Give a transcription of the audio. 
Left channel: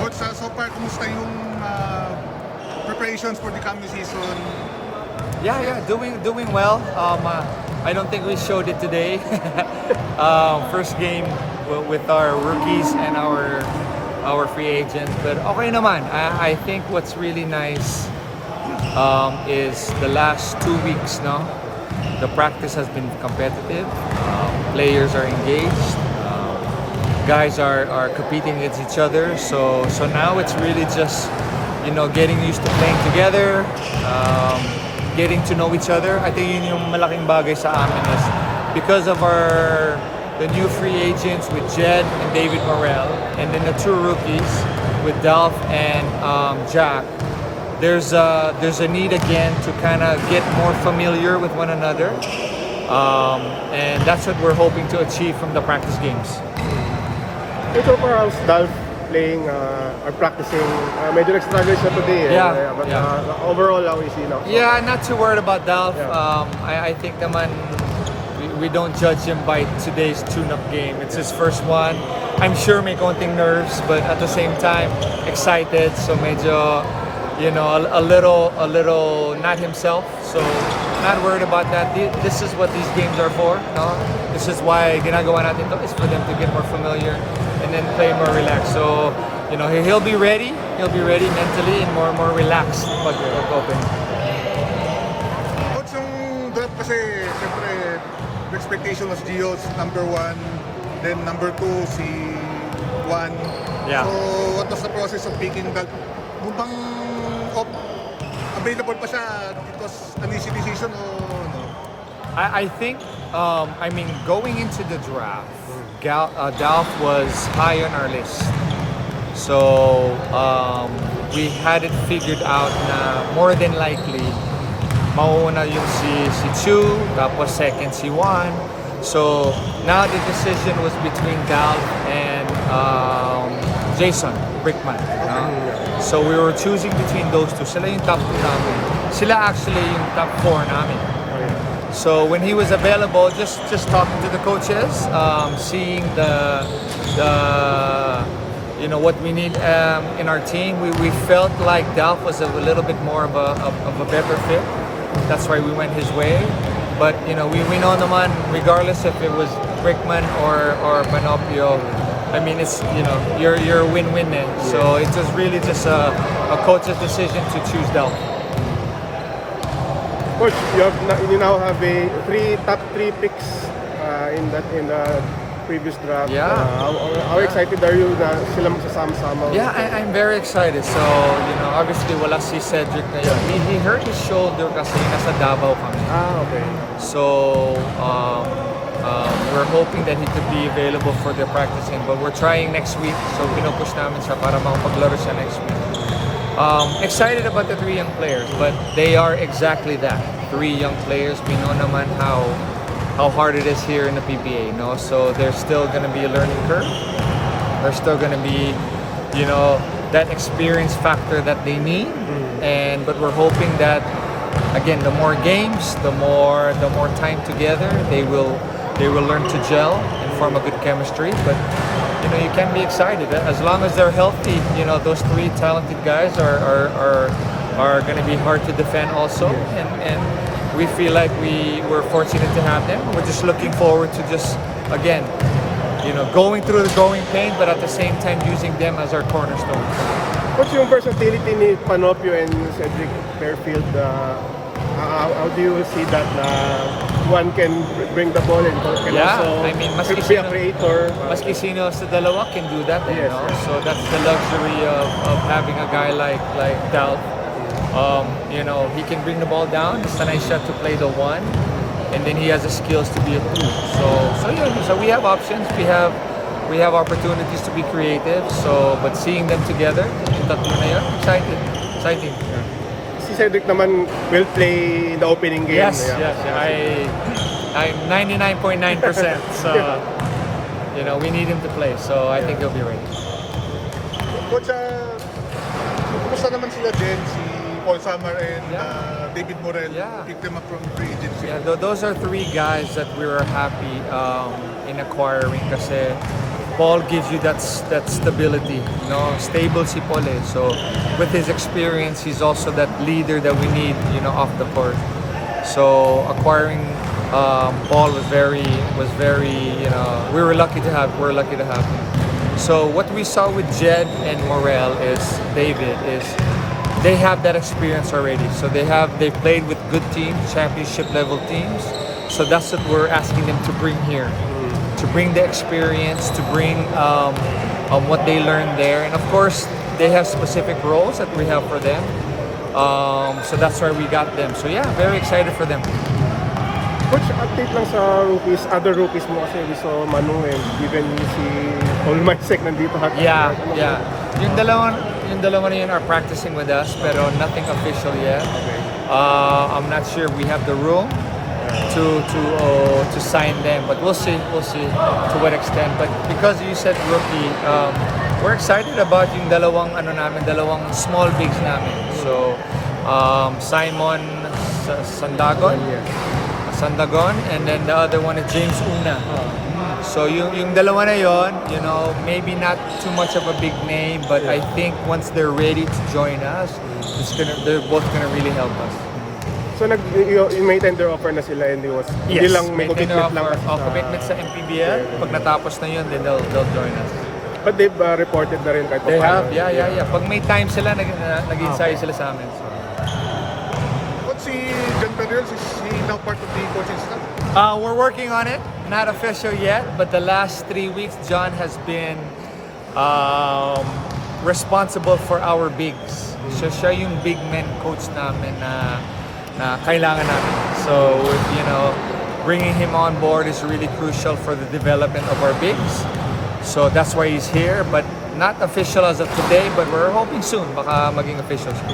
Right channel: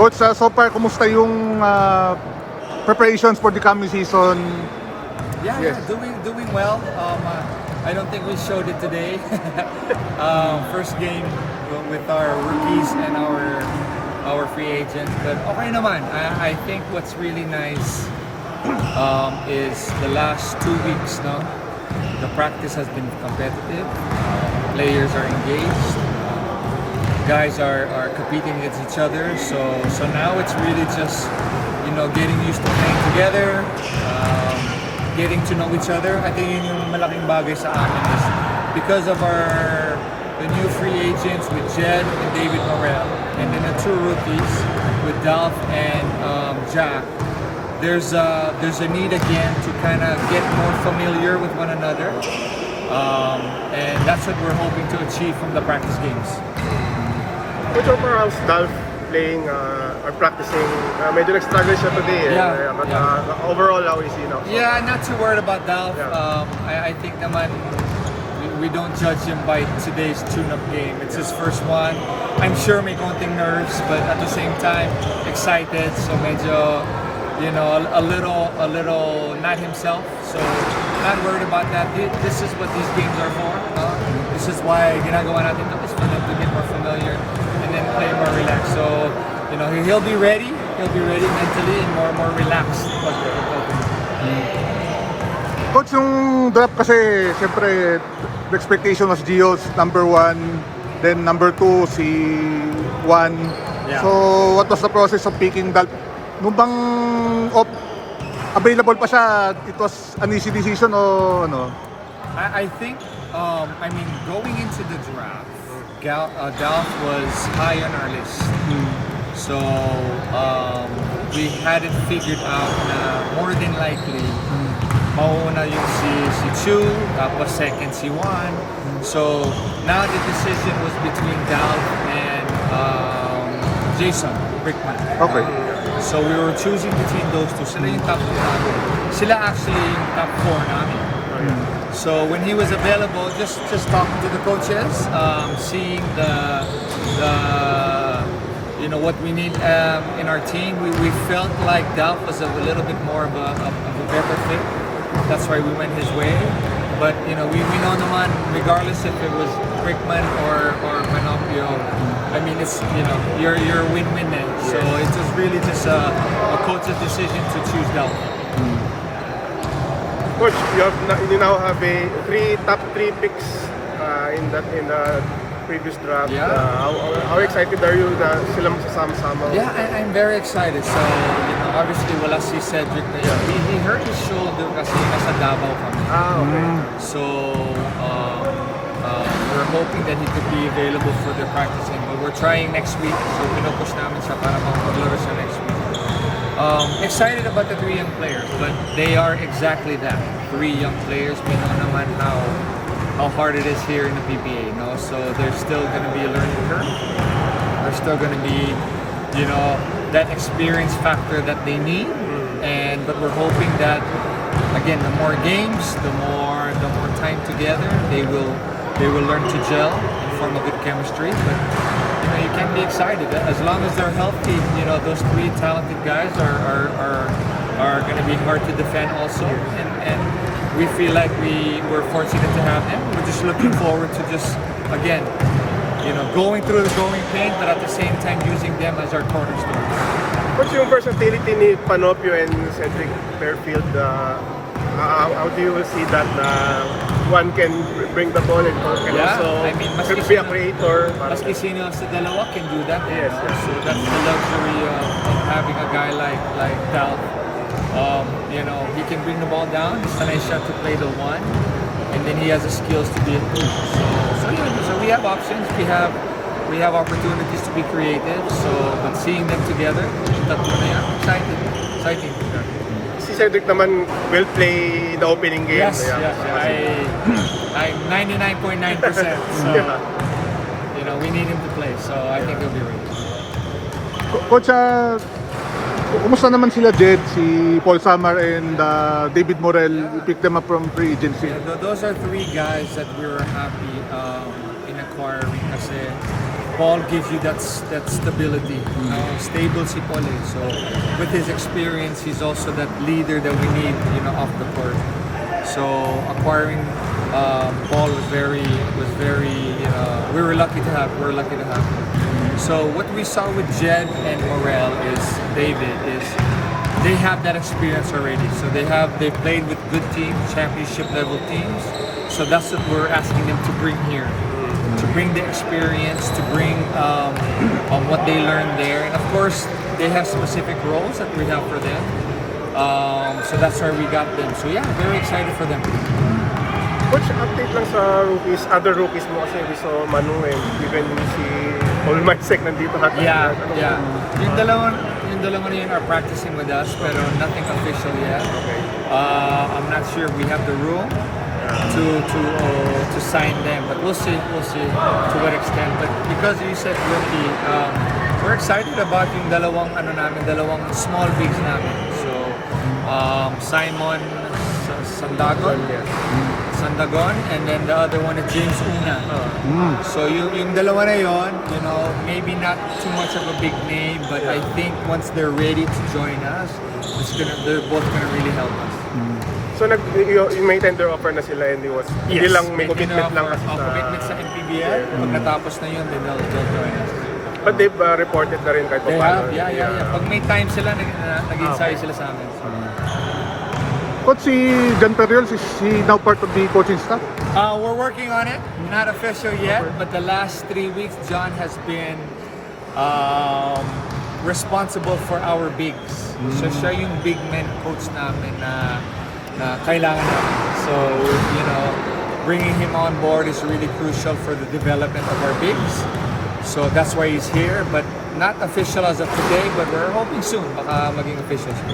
Coach, so far, kumusta yung preparations for the coming season? Yeah, doing well. I don't think we showed it today. First game with our rookies and our free agents, but okay naman. I think what's really nice is the last 2 weeks. No, the practice has been competitive. Players are engaged. Guys are competing against each other. So now it's really just getting used to playing together. Getting to know each other. I think yun yung malaking bagay sa amin is because of the new free agents with Jed and David Morel, and then the two rookies with Dolph and Jack. There's a need again to kind of get more familiar with one another, and that's what we're hoping to achieve from the practice games. So far, how's Dolph playing or practicing? Medyo nag-struggle siya today. But overall, how is he now? Yeah, not too worried about Dolph. I think naman we don't judge him by today's tune-up game. It's his first one. I'm sure may konting nerves, but at the same time, excited. So medyo, a little not himself. So not worried about that. This is what these games are for. No? This is why ginagawa natin ito, is for them to get more familiar and then play more relaxed. So, he'll be ready. He'll be ready mentally and more relaxed pag open. Coach, yung draft kasi, siyempre, the expectation was Gio's number 1, then number 2, si Juan. Yeah. So, what was the process of picking Dolph? Nung bang available pa siya, it was an easy decision o ano? I think, going into the draft, Dolph was high on our list. So, we had it figured out na more than likely, mauuna yung si Chu, tapos second si Juan. So, now the decision was between Dolph and Jason Brickman. Okay. So, we were choosing between those two. Sila yung top 2 namin. Sila actually yung top 4 namin. So when he was available, just talking to the coaches, seeing the what we need in our team, we felt like Dolph was a little bit more of a better fit. That's why we went his way. But we know naman, regardless if it was Brickman or Manopio, it's you're win-win. So it was really just a coach's decision to choose Dolph. Coach, you now have top three picks in the previous draft. Yeah. How excited are you na sila magsasama-sama? Yeah, I'm very excited. So, obviously wala si Cedric na yun. He hurt his shoulder kasi nasa Davao kami. So, we're hoping that he could be available for the practicing. But we're trying next week. So, pinupush namin siya para makapaglaro siya next week. Excited about the 3 young players, but they are exactly that. 3 young players. We know naman how hard it is here in the PBA. No, so there's still going to be a learning curve. There's still going to be, that experience factor that they need. But we're hoping that again, the more games, the more time together, they will learn to gel and form a good chemistry. But you can be excited as long as they're healthy. Those 3 talented guys are going to be hard to defend also, and we feel like we're fortunate to have them. We're just looking forward to just again, going through the growing pain, but at the same time using them as our cornerstone. What's yung versatility ni Panopio and Cedric Fairfield? How do you see that? One can bring the ball in. Maski be a creator. Maski sino sa dalawa can do that. So that's the luxury of having a guy like Dolph. He can bring the ball down. Sanay siya to play the 1, and then he has the skills to be a 2. So we have options. We have opportunities to be creative. But seeing them together, exciting. Cedric naman will play the opening game. Yes. I'm 99.9%. So, we need him to play. So I think he'll be ready. Coach, kumusta naman sila Jed, si Paul Samar and David Morel? You picked them up from free agency. Those are 3 guys that we were happy in acquiring kasi Paul gives you that stability. You know, stable si Paul. Eh. So with his experience, he's also that leader that we need. You know, off the court. So acquiring Paul was very. You know, we were lucky to have. We're lucky to have him. So what we saw with Jed and Morel is David is they have that experience already. So they played with good teams, championship level teams. So that's what we're asking them to bring here, to bring the experience, to bring what they learned there, and of course they have specific roles that we have for them. So that's why we got them. So yeah, very excited for them. Coach, update lang sa rookies, other rookies mo kasi gusto Manu and even si Olmarsek nandito hat. Yeah. Yung dalawa na yun are practicing with us, pero nothing official yet. I'm not sure we have the room to sign them, but we'll see to what extent. But because you said rookie, we're excited about yung dalawang small bigs namin. So Simon Sandagon, and then the other one is James Una. So yung dalawa na yon, you know, maybe not too much of a big name, but I think once they're ready to join us, they're both gonna really help us. So may tender offer na sila and Yes, lang may commitment lang. commitment sa MPBL. Pag natapos na yun, then they'll join us. But they've reported na rin kahit They paano. have, yeah. Pag may time sila, nag-ensayo sila sa amin. So. Coach, si John Perriol, is he now part of the coaching staff? We're working on it. Not official yet, but the last 3 weeks, John has been responsible for our bigs. So siya yung big men coach namin na kailangan namin. So, you know, bringing him on board is really crucial for the development of our bigs. So that's why he's here, but not official as of today, but we're hoping soon baka maging official siya.